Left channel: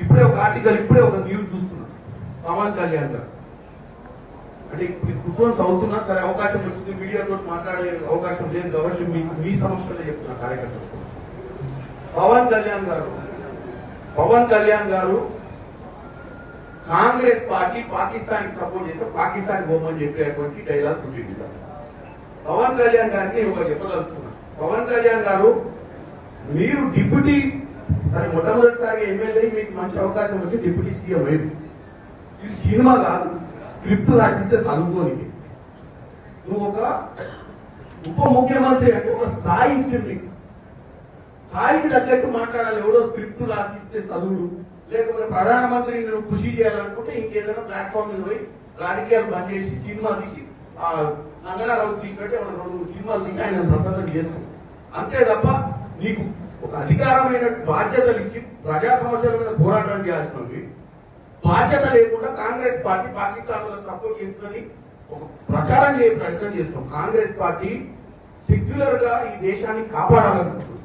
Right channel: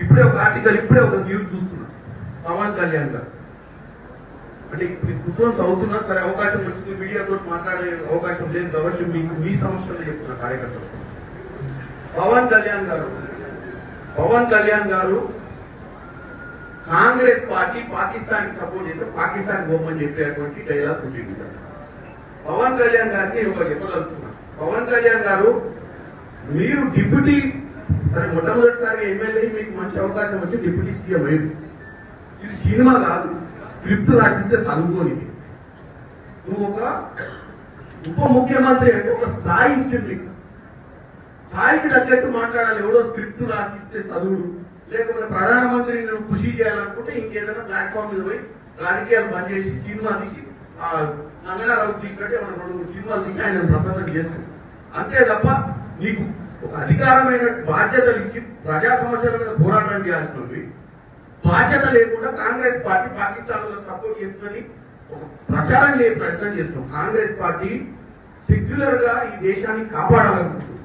ఇప్పుడే ఒక ఆర్టికల్ ఇప్పుడే ఒక న్యూస్ చూస్తున్నా పవన్ కళ్యాణ్ గారు అంటే కూర్చొని చదువుతున్నా సరే అవకాశం వచ్చింది మీడియాతో మాట్లాడే అవకాశం లేదు కాబట్టి మీకు మీ సమస్యలే చెప్తున్నా కార్యకర్తలు పవన్ కళ్యాణ్ గారు కాంగ్రెస్ పార్టీ పాకిస్తాన్ కి సపోర్ట్ చేస్తే పాకిస్తాన్ పోమని చెప్పేటువంటి డైలాగ్ ఉంటుంది. పవన్ కళ్యాణ్ గారిని ఒకరు చెప్పదలుచుకున్నారు. పవన్ కళ్యాణ్ గారు మీరు డిప్యూటీ సరే మొట్టమొదటిసారిగా ఎమ్మెల్యే మీకు మంచి అవకాశం వచ్చి డిప్యూటీ సీఎం అయింది. ఇది సినిమా కాదు, స్క్రిప్ట్ రాసిస్తే చదువుకోని నువ్వు ఒక ఉప ముఖ్యమంత్రి అంటే ఒక స్థాయి ఇచ్చింది, స్థాయికి తగ్గట్టు మాట్లాడాలి. ఎవడో స్క్రిప్ట్ రాసిస్తే చదువుడు, లేకపోతే ప్రధానమంత్రి నువ్వు కృషి చేయాలనుకుంటే ఇంకేదైనా ప్లాట్ఫామ్ మీద పోయి రాజకీయాలు బంద్ చేసి సినిమా తీసి నంగనారావు తీసినట్టే మనం 2-3 సినిమాలు తీసి ఆయన ప్రసన్నం చేస్తాం అంతే తప్ప నీకు ఒక అధికారమైన బాధ్యతలు ఇచ్చి ప్రజా సమస్యల మీద పోరాటం చేయాల్సినవి బాధ్యత లేకుండా కాంగ్రెస్ పార్టీ పాకిస్తాన్ లో సపోర్ట్ చేస్తుందని ఒక ప్రచారం చేయ ప్రయత్నం చేస్తున్నాం. కాంగ్రెస్ పార్టీ సెక్యులర్ గా ఈ దేశాన్ని కాపాడాలనుకుంటుంది.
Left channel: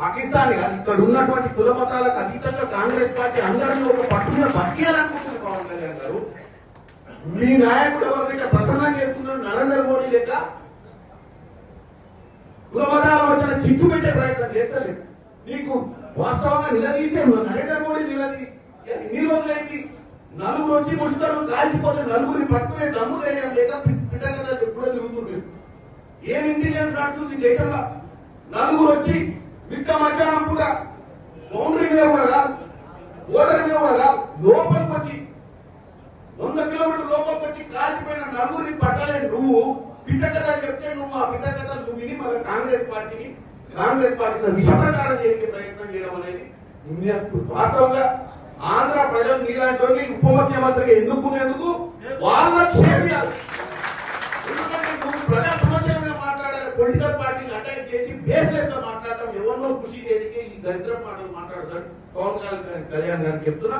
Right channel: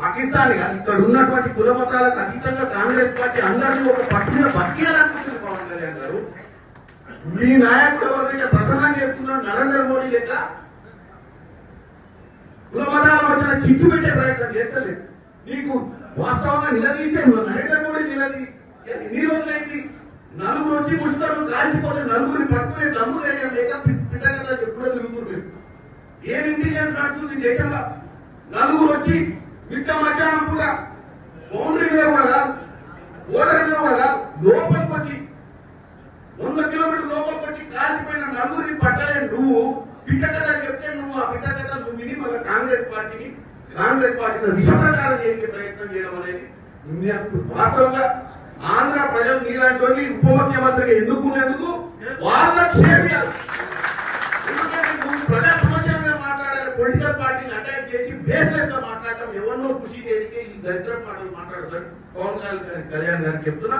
పాకిస్తాన్ ఇక్కడ ఉన్నటువంటి కుల మతాలకు అతీతంగా కాంగ్రెస్ పార్టీ అందరినీ ఒక పట్టున బతికేయాలనుకుంటుంది. పవన్ కళ్యాణ్ గారు మీ నాయకుడు ఎవరినైతే ప్రసన్నం చేస్తున్నాడు నరేంద్ర మోడీ లెక్క కుల మతాల మధ్యన చిచ్చు పెట్టే ప్రయత్నం చేస్తలేదు. నీకు వాస్తవంగా నిలదీసే నరేంద్ర మోడీ ఎన్ని రోజులైంది? నలుగురు వచ్చి ముష్కరులు కాల్చిపోతే నలుగురిని పట్టుకునే దమ్ము ధైర్యం లేక పిట్టగదా ఎప్పుడో తిరుగుతుంది. ఏం ఇంటెలిజెన్స్ నడుస్తుంది దేశంలో? నలుగురు వచ్చి మిట్ట మధ్యాహ్నం కూడా బౌండరీ మీద కూడా కాదు, బోర్డర్ మీద కూడా కాదు, లోపలికి వచ్చి 100 కిలోమీటర్ల లోపలికి వచ్చి కాల్చిపోయిన నలుగురిని పట్టలే నువ్వు పిట్టకథ చెప్తే నువ్వు ఆ పిట్టకథ నువ్వు విని మన కాంగ్రెస్ పార్టీని విషప్రచారం చేసే ప్రయత్నం చేయడం అనేది వాస్తవంగా ఆంధ్ర ప్రజలు నీలాంటి ఉప ముఖ్యమంత్రిగా ఎన్నుకునేందుకు వాళ్ళ క్షేమియాలి. ఎందుకంటే నువ్వు ప్రజా సమస్యల మీద మాట్లాడాలి, పొలిటికల్ పార్టీని అటాక్ చేసి బేస్లెస్ గా మాట్లాడటం ఎవరినో ఖుషి చేయడానికి ఈ దరిద్ర మాటలు మాట్లాడతాడు. పవన్ కళ్యాణ్ గారికి చెప్తున్నా.